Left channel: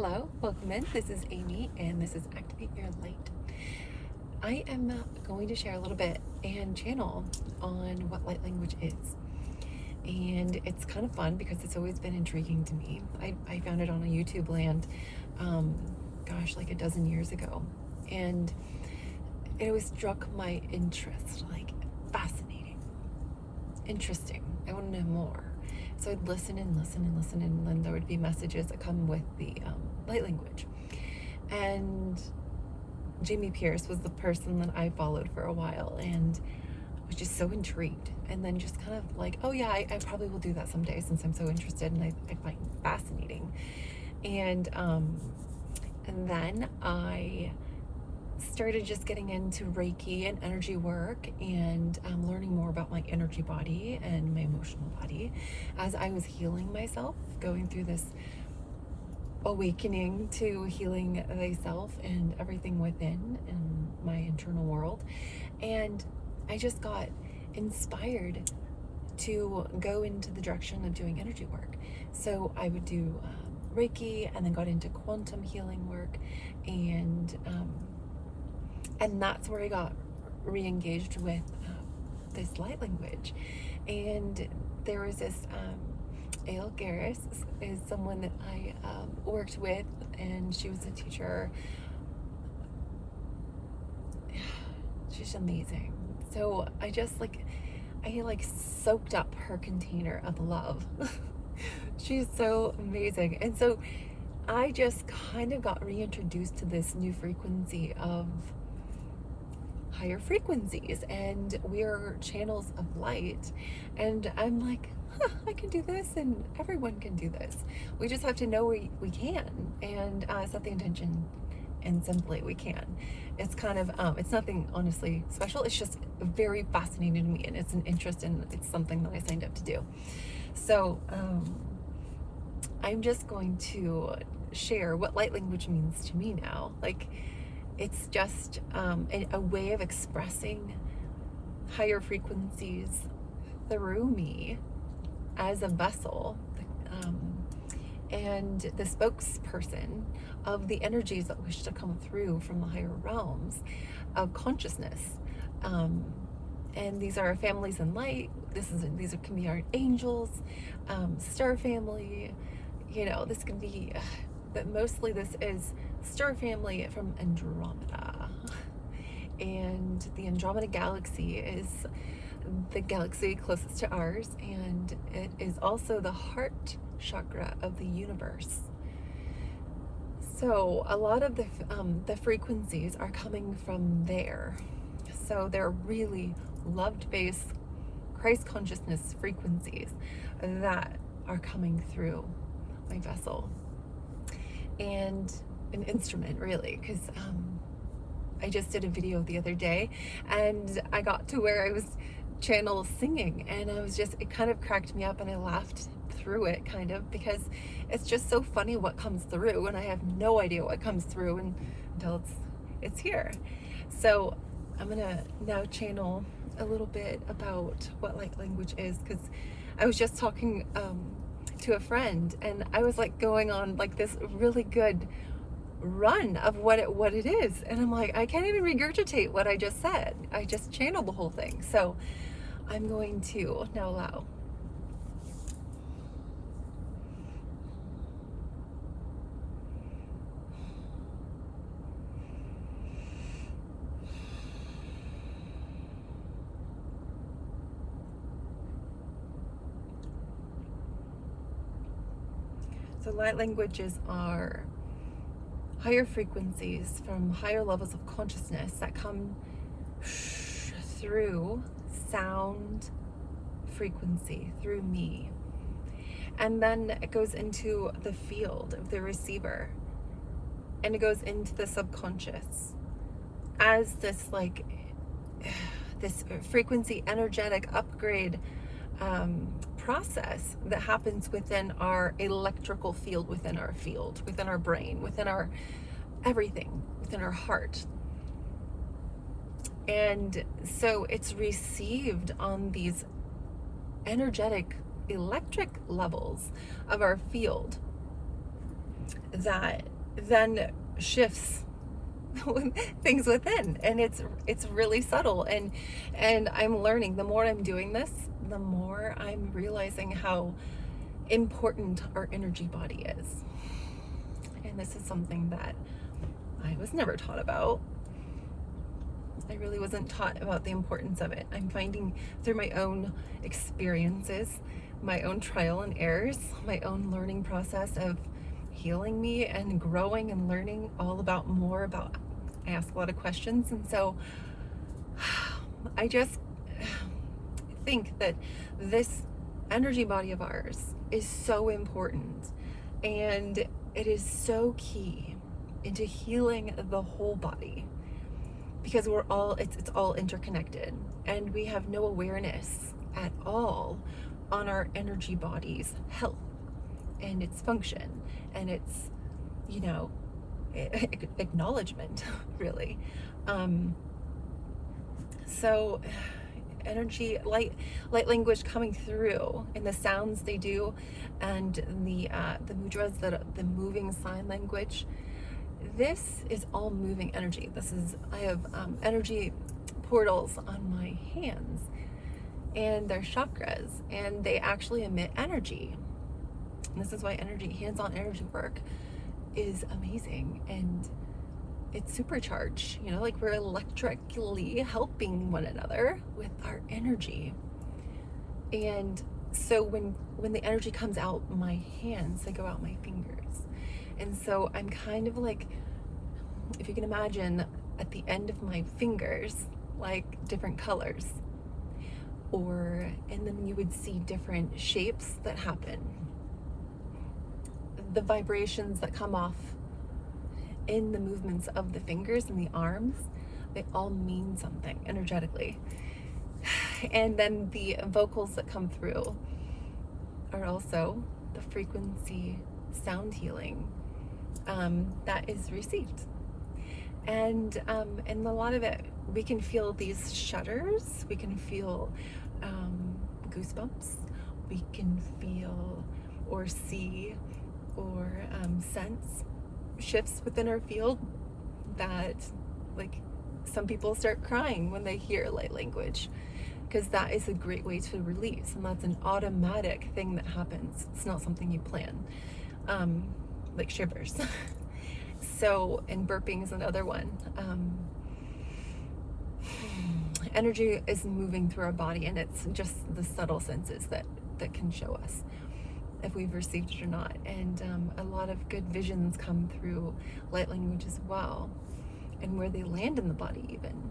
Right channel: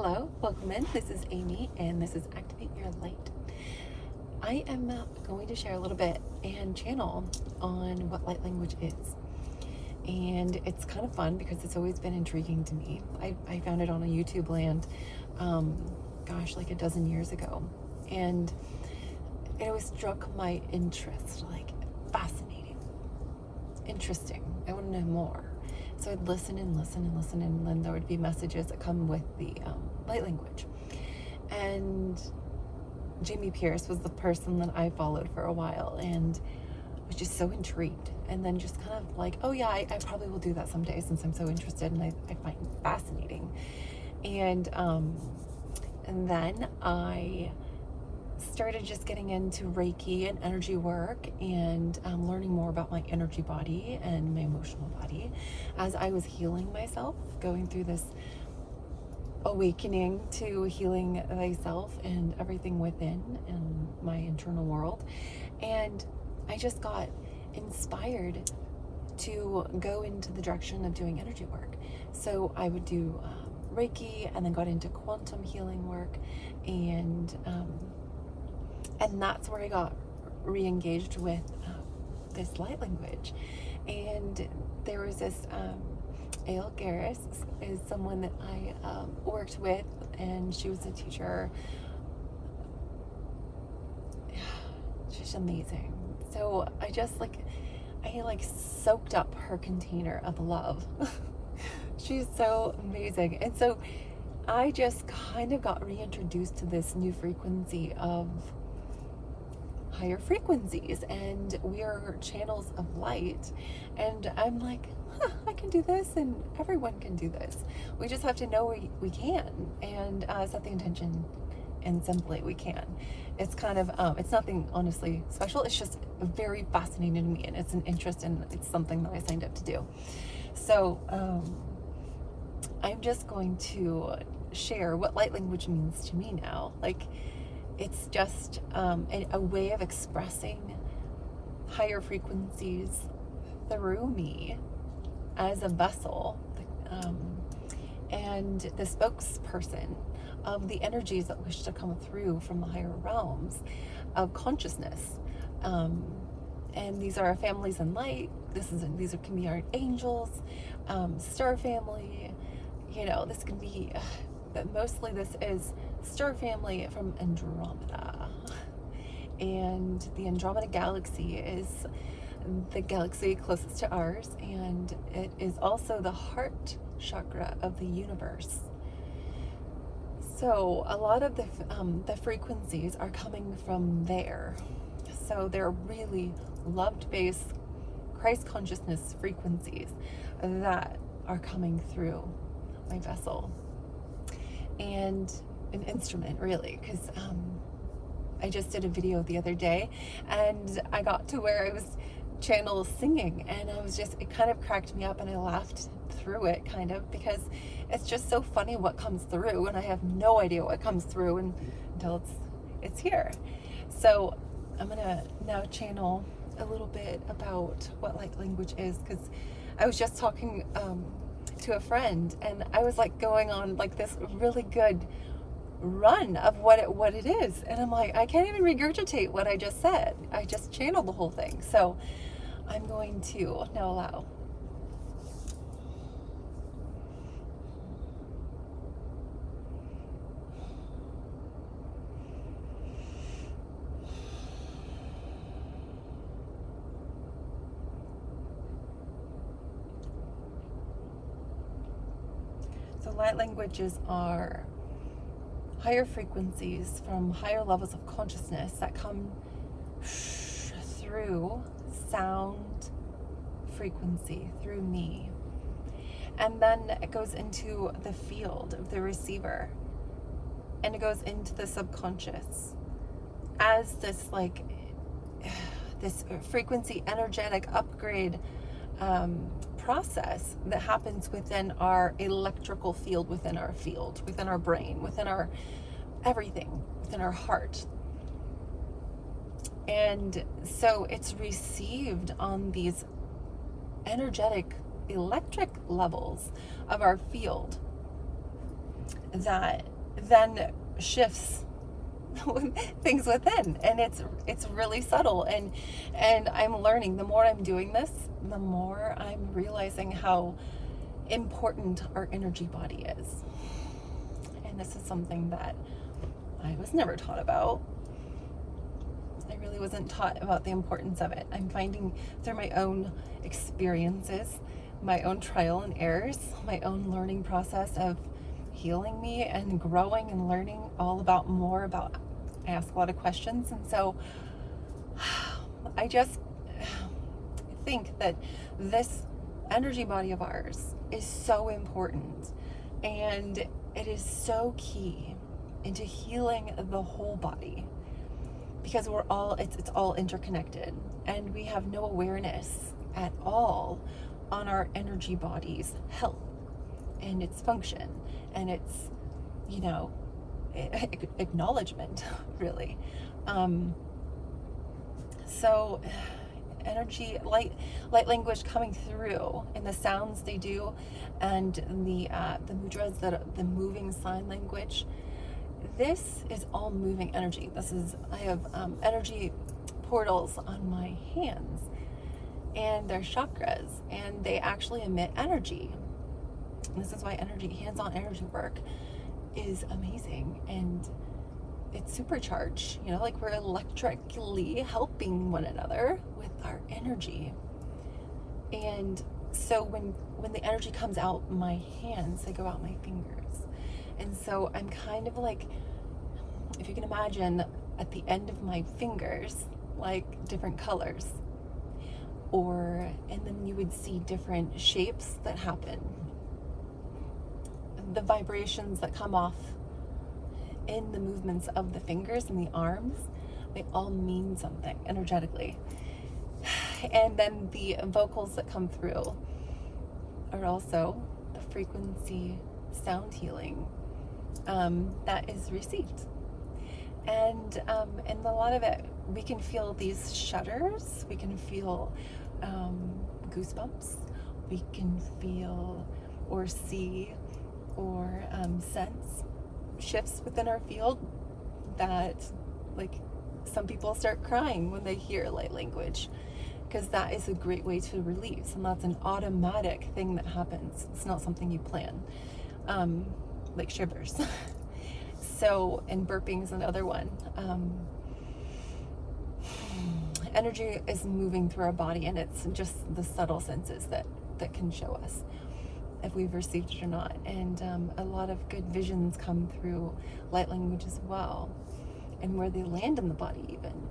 Hello, welcome in. This is Amy, and this is Activate Your Light. I am going to share a little bit and channel on what light language is. And it's kind of fun because it's always been intriguing to me. I found it on a YouTube land, like a dozen years ago. And it always struck my interest, like fascinating, interesting. I want to know more. So I'd listen and listen and listen, and then there would be messages that come with the light language. And Jamie Pierce was the person that I followed for a while, and was just so intrigued. And then just kind of like, oh yeah, I probably will do that someday since I'm so interested, and I find it fascinating. And then I started just getting into Reiki and energy work and learning more about my energy body and my emotional body as I was healing myself, going through this awakening to healing thyself and everything within and my internal world. And I just got inspired to go into the direction of doing energy work. So I would do Reiki, and then got into quantum healing work, and that's where I got re-engaged with this light language. And there was this Aile Garris is someone that I worked with, and she was a teacher. She's amazing. So I soaked up her container of love. She's so amazing. And so I just kind of got reintroduced to this new frequency of higher frequencies, and we're channels of light. And I'm like, I can do this, and everyone can do this. We just have to know we can, and set the intention, and simply we can. It's kind of it's nothing honestly special. It's just very fascinating to me, and it's an interest, and it's something that I signed up to do. So I'm just going to share what light language means to me now. Like, it's just a way of expressing higher frequencies through me as a vessel, and the spokesperson of the energies that wish to come through from the higher realms of consciousness. And these are families in light. These can be our angels, star family. This could be, but mostly this is star family from Andromeda. And the Andromeda galaxy is the galaxy closest to ours, and it is also the heart chakra of the universe. So a lot of the frequencies are coming from there. So they're really love-based Christ consciousness frequencies that are coming through my vessel, and an instrument, really, because I just did a video the other day, and I got to where I was channel singing, and it kind of cracked me up, and I laughed through it, kind of, because it's just so funny what comes through, and I have no idea what comes through until it's here. So I'm gonna now channel a little bit about what light language is, because I was just talking to a friend, and I was like going on like this really good run of what it is, and I'm like, I can't even regurgitate what I just said. I just channeled the whole thing. So I'm going to now allow. So light languages are higher frequencies from higher levels of consciousness that come through sound frequency, through me. And then it goes into the field of the receiver, and it goes into the subconscious as this frequency energetic upgrade process that happens within our electrical field, within our brain, within our everything, within our heart. And so it's received on these energetic electric levels of our field. that then shifts things within, and it's really subtle, and I'm learning. The more I'm doing this, the more I'm realizing how important our energy body is. And this is something that I was never taught about. I really wasn't taught about the importance of it. I'm finding through my own experiences, my own trial and errors, my own learning process of healing me and growing and learning all about more about. I ask a lot of questions, and so I just think that this energy body of ours is so important, and it is so key into healing the whole body, because we're all it's all interconnected, and we have no awareness at all on our energy body's health and its function and its, you know, acknowledgement, really. So energy, light language coming through in the sounds they do, and the mudras, the moving sign language. This is all moving energy. I have energy portals on my hands, and they're chakras, and they actually emit energy. And this is why hands-on energy work is amazing, and it's supercharged, you know, like we're electrically helping one another with our energy. And so when the energy comes out my hands, they go out my fingers. And so I'm kind of like, if you can imagine, at the end of my fingers, like different colors, and then you would see different shapes that happen. The vibrations that come off in the movements of the fingers and the arms, they all mean something energetically. And then the vocals that come through are also the frequency sound healing that is received. And a lot of it, we can feel these shudders, we can feel goosebumps, we can feel or see or sense shifts within our field, that, like, some people start crying when they hear light language, because that is a great way to release, and that's an automatic thing that happens. It's not something you plan, like shivers. So, and burping is another one. Energy is moving through our body, and it's just the subtle senses that can show us if we've received it or not. And a lot of good visions come through light language as well, and where they land in the body even.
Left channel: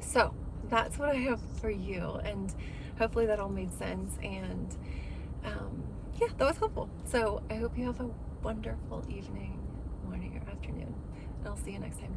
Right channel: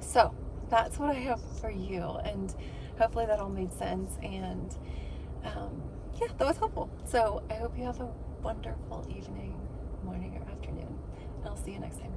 So that's what I have for you, and hopefully that all made sense, and yeah, that was helpful. So I hope you have a wonderful evening, morning, or afternoon, and I'll see you next time.